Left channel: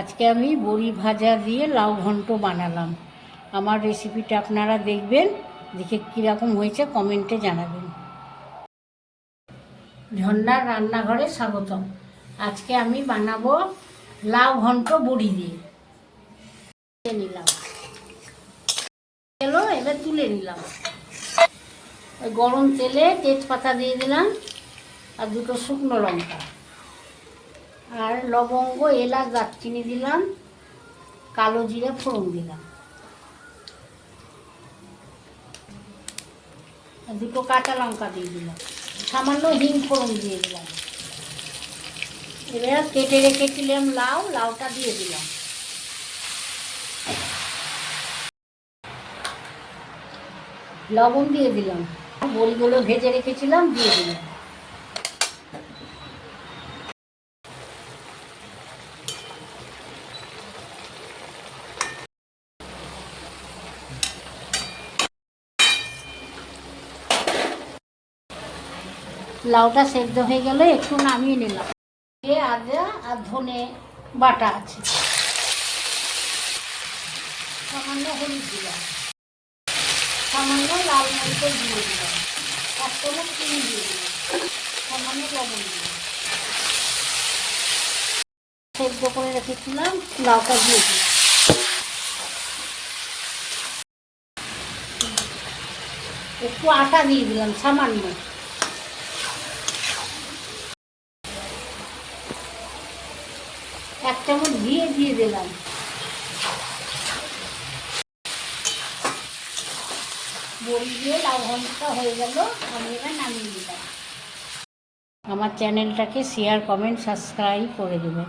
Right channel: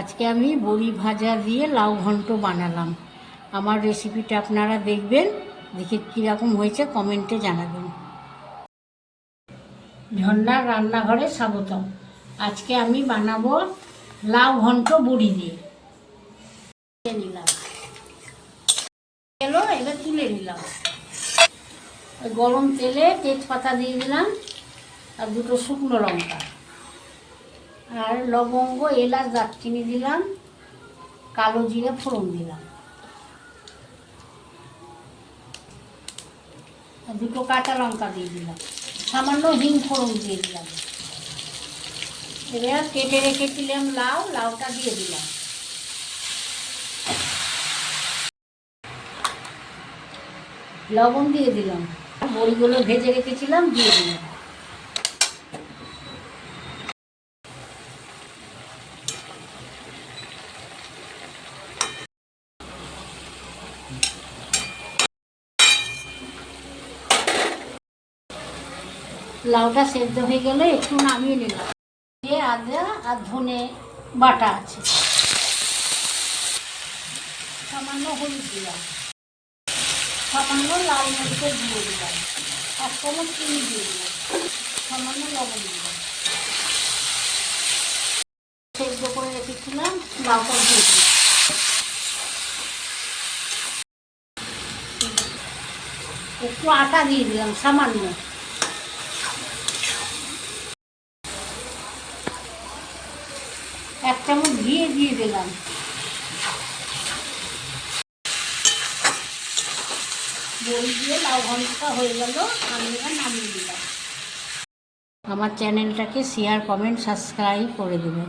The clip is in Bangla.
আজকে আমি বড়ি ভাজা দিয়ে লাউ ঘন্ট বানালাম। আমার রেসিপিটা আপনারা দেখবেন, দেখে কীরকম হয়েছে কমেন্টে জানাবেন। ঝর্ণার রান্নাঘরে স্বাগতম। আজকে আমি বানাবো লাউ ঘন্ট বড়ি দিয়ে। নিলাম এবার তুলে নিলাম। গরম তেলে তেজপাতা দিয়ে দিলাম আর দুটো শুকনো লঙ্কা আর লবঙ্গ, এলাচ, দারচিনি দিলাম, কালো জিরে ফোড়ন দিলাম আর দুটো কাঁচা লঙ্কা দিয়ে দিলাম, সামান্য হিং ফোড়ন দিয়ে দিলাম। এবার কেটে রেখেছিলাম লাউটা দিয়ে দিলাম। লবণ দিয়ে দিলাম, বড়িগুলো ভেজে রেখেছিলাম দিয়ে দিলাম। লাউটা সেদ্ধ হয়ে গেলে একটু নামিয়ে নিলাম। আদা আর ধনে বাটা আছে, সামান্য হলুদ দিলাম, সামান্য লাল মরিচের দিয়ে দিলাম, 1 চামচ চিনি দিয়ে দিলাম, সামান্য লবণ দিলাম। সেদ্ধ করে রেখেছিলাম লাউটা দিয়ে দিলাম। একটু আটা দিয়ে দিলাম সামান্য, এক চামচ ঘিয়ে দিয়ে দিলাম। বড়ি দিয়ে লাউ ঘন্টটা হয়ে গেল, আমি এবার নামিয়ে দিলাম। আমার চ্যানেলটাকে শেয়ার, কমেন্ট, সাবস্ক্রাইব করে দেবেন।